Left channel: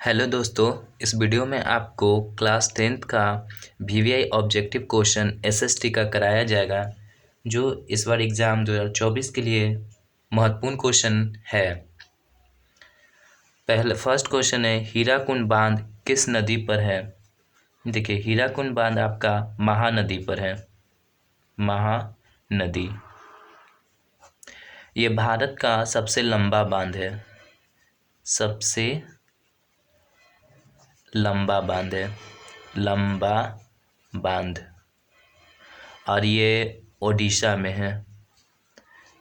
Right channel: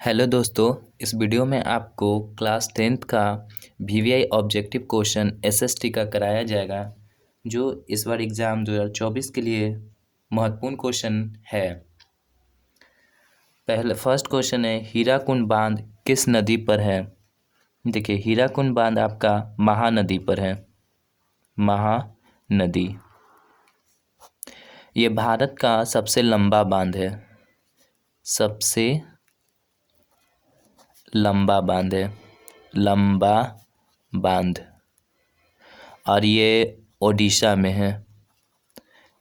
Hello दोस्तों, इस video में आपको क्लास 10th का वीवीआई ऑब्जेक्टिव क्वेश्चन एसएसटी का कराया जाएगा, जो इस बार एग्ज़ाम 2024 के लिए महत्वपूर्ण क्वेश्चन है। फर्स्ट क्वेश्चन है, हीराकुंड बांध किस नदी पर है। देखिए, हीराकुंड बांध आपका महानदी पर है। महानदी ये भारत का सबसे लंबा बांध है। सबसे लंबा बांध है, लंबा बांध, और ये ओडिशा में है।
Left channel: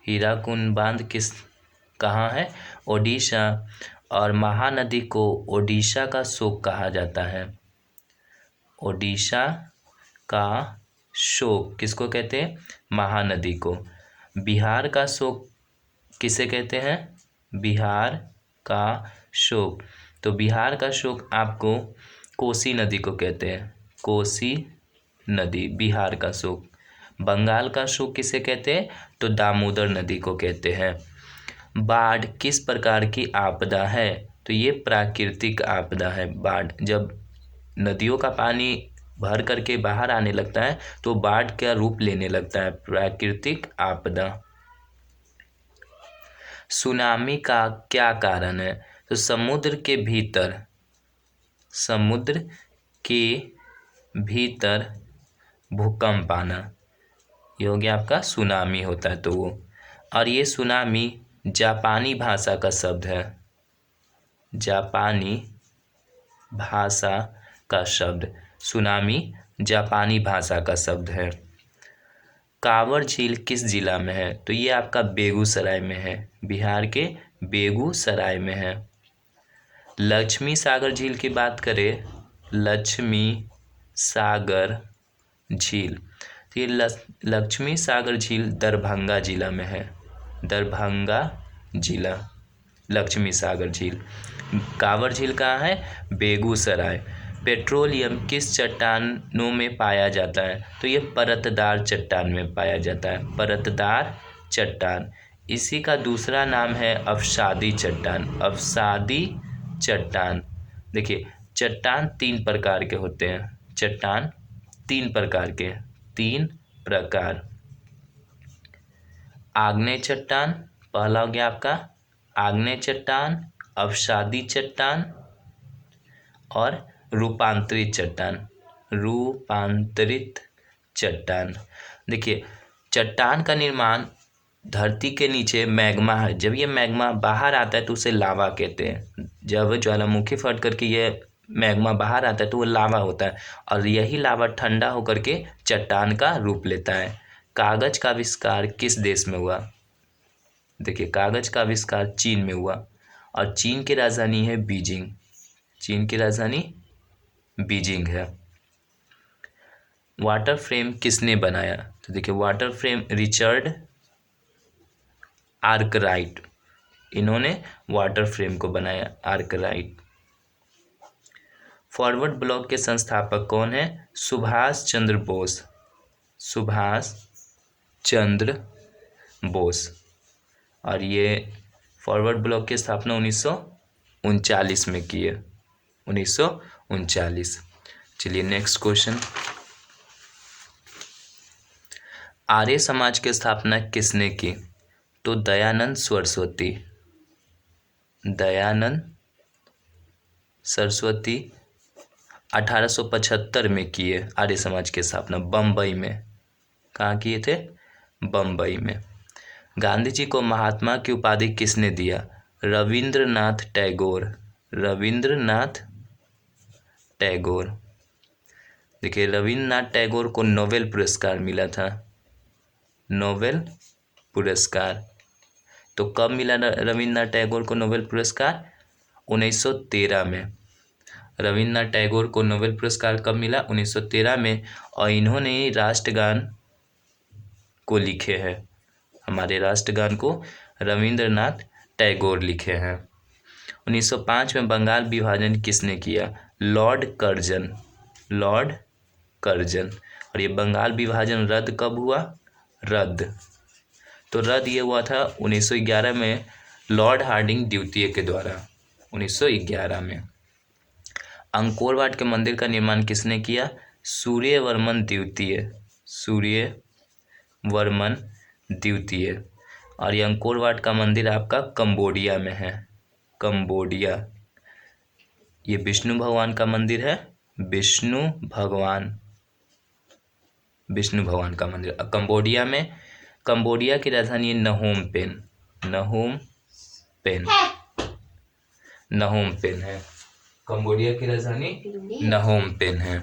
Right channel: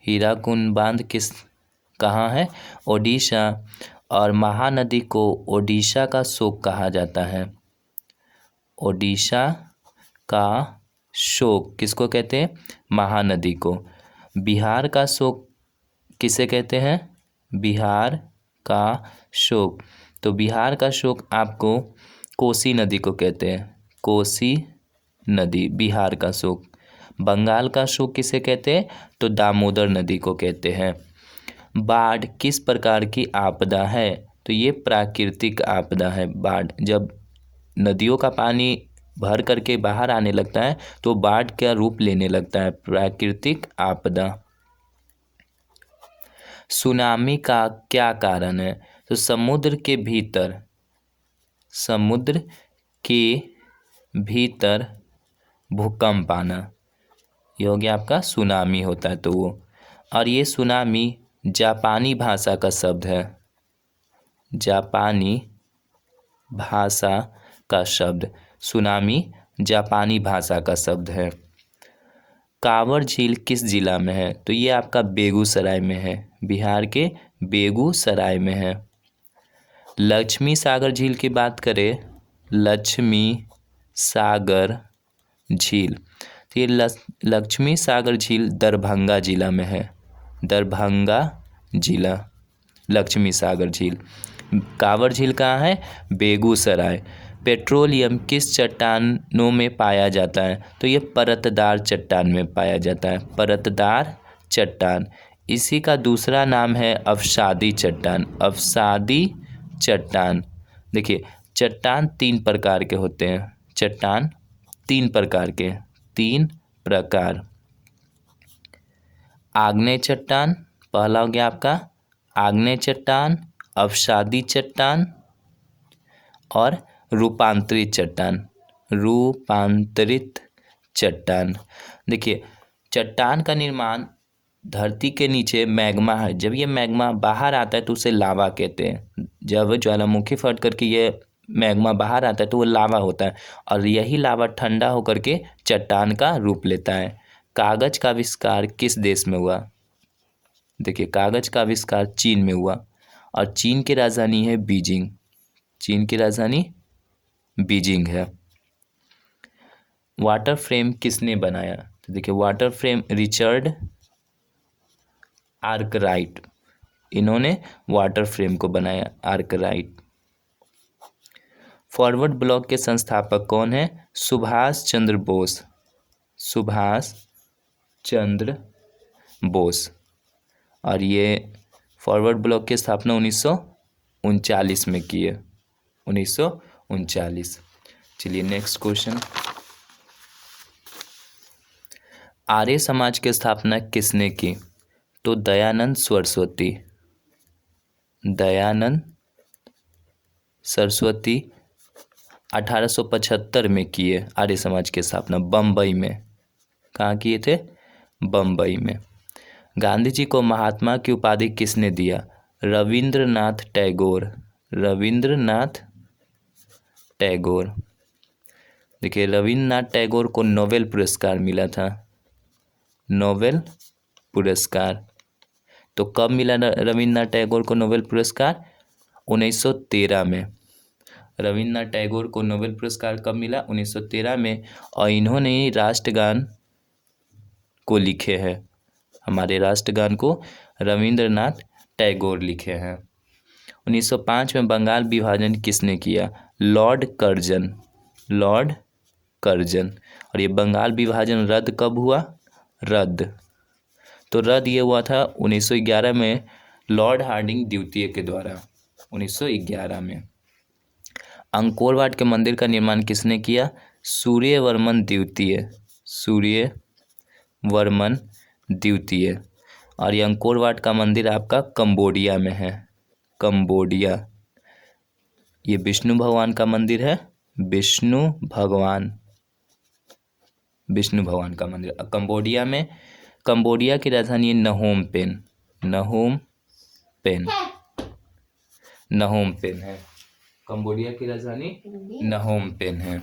हीराकुंड बांध कहाँ है? ओडिशा। और महानदी को ओडिशा का शोक कहा जाता है। ओडिशा का शोक किसको कहते हैं? महानदी को। बिहार का शोक किसे कहते हैं? बिहार का शोक। तो बिहार का शोक आपको कोसी नदी को कहते हैं। कोसी नदी बिहार का शोक। बंगाल का शोक किसे कहते हैं? तो दामोदर नदी को कहते हैं। बाढ़ किस प्रकार की आपदा है? तो ये प्राकृतिक आपदा है। बाढ़ जब नदियों का पानी भर करके बाहर आने लगता है तो बाढ़ का रूप लेने लगता है, प्राकृतिक आपदा। सुनामी का क्या कारण है? तो समुद्र के भीतर भूकंप आना, ये हो गया आपका सुनामी होता है तो वो। और ये सुनामी जापानी भाषा का शब्द है। जापानी भाषा का शब्द सुनामी जापानी भाषा का शब्द है। कांवर झील किस जिला में है? तो ये आपका बेगूसराय में है। बिहार के बेगूसराय में है। लक्ष्मी सागर झील की बात करें, लक्ष्मी सागर झील, तो ये लक्ष्मी सागर झील दरभंगा जिला में है। दरभंगा जिला, लक्ष्मी सागर झील। कांवर झील कहाँ है? बेगूसराय। पेट्रोलियम किस चट्टानों में पाया जाता है? तो ये परतदार चट्टान में पाया जाता है। परतदार चट्टान। इसी का दूसरा नाम है अवसादी चट्टान। अवसादी चट्टान। देखिए, चट्टान तीन प्रकार के होते हैं। चट्टान तीन प्रकार। आग्नेय चट्टान पहला हो गया आपका आग्नेय चट्टान, अवसादी चट्टान और रूपांतरित चट्टान। रूपांतरित चट्टान। देखिए, चट्टान का निर्माण धरती के नीचे मैग्मा है। जब ये मैग्मा बाहर आता है तो उसे लावा कहते हैं। जब ज्वालामुखी फट करके ये मैग्मा बाहर आता है तो वो लावा होता है, और यही लावा ठंडा होकर के चट्टान का रूप लेता है। कागज का आविष्कार किस देश में हुआ? देखिए, कागज का आविष्कार चीन में हुआ, और चीन की राजधानी है बीजिंग। चीन की राजधानी बीजिंग है। वाटर फ्रेम किसने बनाया? तो देखिए, वाटर फ्रेम रिचर्ड आर्कराइट, इन्होंने वाटर फ्रेम को बनाया, आर्कराइट। फॉरवर्ड ब्लॉक के संस्थापक कौन है? सुभाष चंद्र बोस। सुभाष चंद्र बोस। और ये फॉरवर्ड ब्लॉक की स्थापना 1939 में की है। 1939। चलिए नेक्स्ट क्वेश्चन। आर्य समाज की स्थापना किसने की? तो दयानंद सरस्वती। दयानंद सरस्वती 1875 में किए आर्य समाज की स्थापना, बम्बई में। कहाँ किए थे? बम्बई में। गांधी जी को महात्मा की उपाधि किसने दिया? रविंद्रनाथ टैगोर। रविंद्रनाथ टैगोर। देखिए, रविंद्रनाथ टैगोर को नोबेल पुरस्कार मिला था। नोबेल पुरस्कार तो कब मिला रविंद्रनाथ टैगोर को नोबेल पुरस्कार? 1913 में। रविंद्रनाथ टैगोर को नोबेल पुरस्कार कब मिला? 1913 में। और इन्होंने राष्ट्रगान को लिखे हैं। हमारे राष्ट्रगान को रविंद्रनाथ टैगोर लिखे हैं। 1905 में बंगाल विभाजन किसने किया? Lord Curzon. Lord Curzon. और ये बंगाल विभाजन रद्द कब हुआ? तो रद्द ये हुआ था 1911 में, लॉर्ड हार्डिंग द्वितीय के द्वारा। 1911 में। अंकोर के मंदिर का निर्माण किसने किया? सूर्यवर्मन द्वितीय। सूर्यवर्मन द्वितीय। और ये अंकोर का मंदिर आपका कंबोडिया में है। कंबोडिया। ये विष्णु भगवान का मंदिर है। विष्णु भगवान का मंदिर कंबोडिया में। कंबोडिया की राजधानी नहोम पेन। नहोम पेन है। कंबोडिया की राजधानी नहोम पेन है।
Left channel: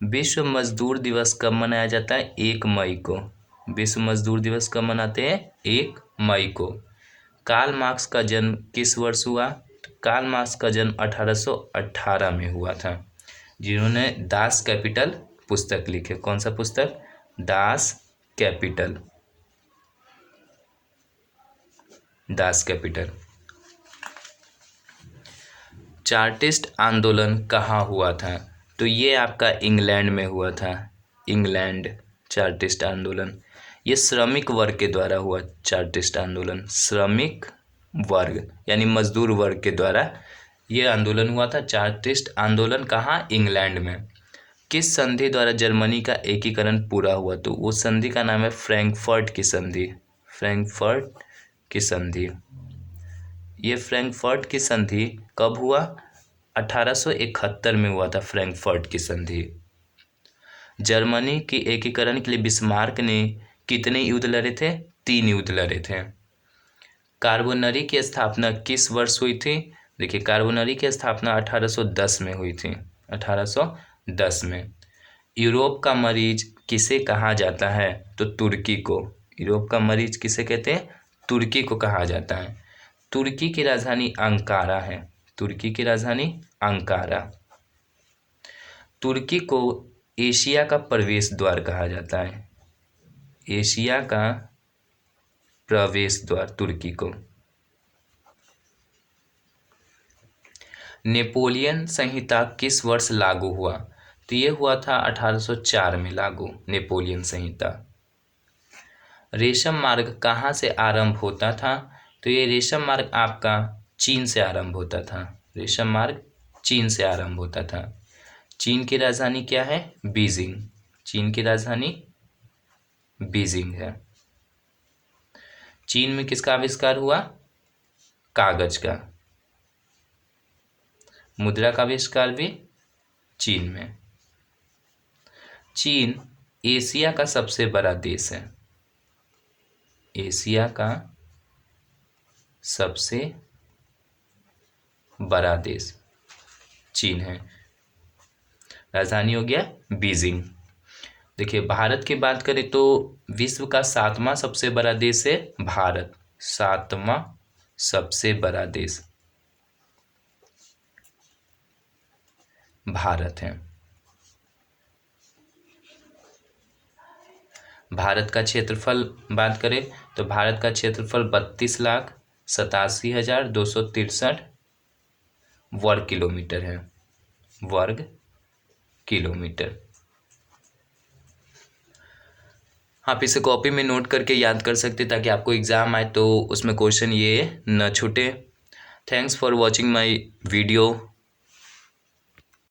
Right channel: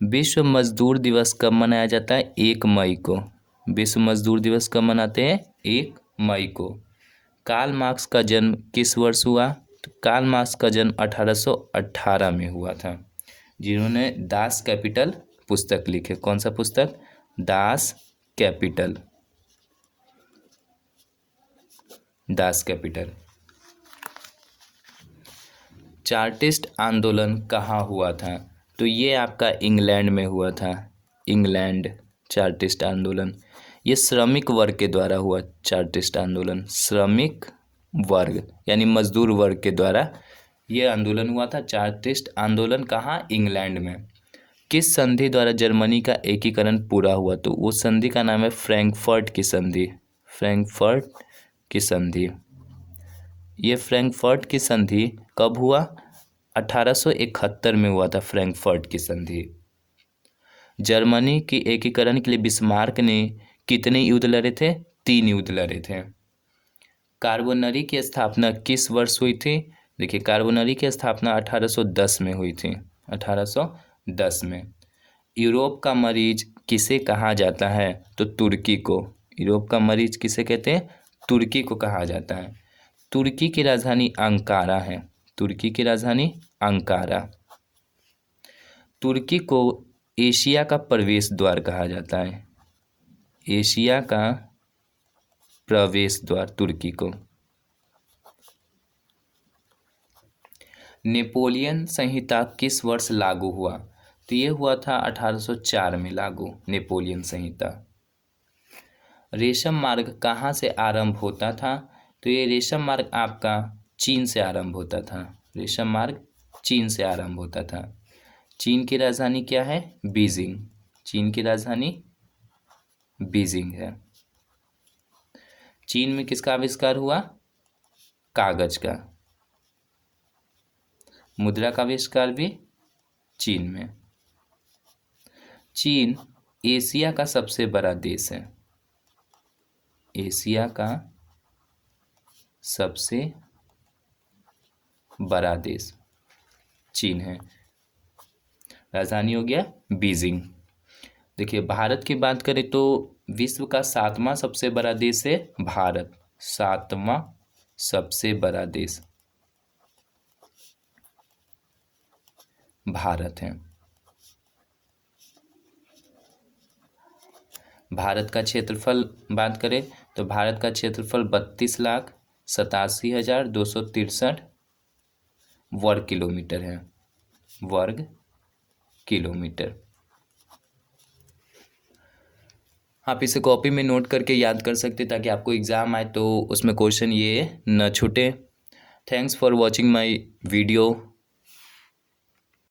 विश्व मजदूर दिवस कब मनाया जाता है? 1 मई को। विश्व मजदूर दिवस कब मनाते हैं? 1 मई को। कार्ल मार्क्स का जन्म किस वर्ष हुआ? तो कार्ल मार्क्स का जन्म 1818 में हुआ था, जिन्होंने दास कैपिटल पुस्तक लिखे। कौन सा पुस्तक? Das Kapital. चार्टिस्ट आंदोलन कहाँ हुआ था? तो ये आपका इंग्लैंड में हुआ था। इंग्लैंड। चार्टिस्ट आंदोलन ये श्रमिक वर्ग के द्वारा हुआ। चार्टिस्ट आंदोलन श्रमिक वर्ग यानी मजदूर वर्ग के द्वारा ये आंदोलन हुआ था। चार्टिस्ट आंदोलन कहाँ? इंग्लैंड में। किस संधि द्वारा जर्मनी का एकीकरण पूरा हुआ? तो उस संधि का नाम है फ्रैंकफर्ट की संधि। फ्रैंकफर्ट की संधि। ये फ्रैंकफर्ट की संधि कब हुआ? 1871 में हुआ था फ्रैंकफर्ट की संधि। जर्मनी की एकीकरण के लिए बिस्मार्क ने कितने युद्ध लड़े थे? 3 युद्ध लड़े थे। कार्बोनरी की स्थापना किस वर्ष हुई थी? देखिए, कार्बोनरी की स्थापना 1810 में हुई थी। 1810 में। यूरोप का मरीज किसे कहा जाता है? तो तुर्की को। यूरोप का मरीज किसे कहते हैं? तुर्की को कहा जाता है। तुर्की की राजधानी अंकारा है। तुर्की की राजधानी अंकारा। तुर्की को एशिया का प्रवेश द्वार कहा जाता है। एशिया का प्रवेश द्वार तुर्की को। नेपोलियन संहिता किस वर्ष लागू हुआ? तो ये हुआ था 1804 में लागू नेपोलियन संहिता। रेशम मार्ग कहाँ से आरंभ होता था? तो ये रेशम मार्ग आपका चीन से आरंभ होता था। रेशम मार्ग चीन से आरंभ होता था। चीन की राजधानी क्या है? बीजिंग। चीन की राजधानी बीजिंग है। चीन में किसका आविष्कार हुआ? कागज का। मुद्रा का आविष्कार भी चीन में। चीन एशिया का सबसे बड़ा देश है। एशिया का सबसे बड़ा देश चीन है। राजधानी हो गया बीजिंग। देखिए, भारत की बात करें तो विश्व का 7वां सबसे बड़ा देश है भारत। 7वां सबसे बड़ा देश भारत है। भारत का क्षेत्रफल बात करें तो भारत का क्षेत्रफल 32,87,263 वर्ग किलोमीटर है। वर्ग किलोमीटर। आप इसे कॉपी में नोट करके याद कर सकते ताकि आपको एग्ज़ाम आए तो उसमें क्वेश्चन ये न छूटे। Thanks for watching my video.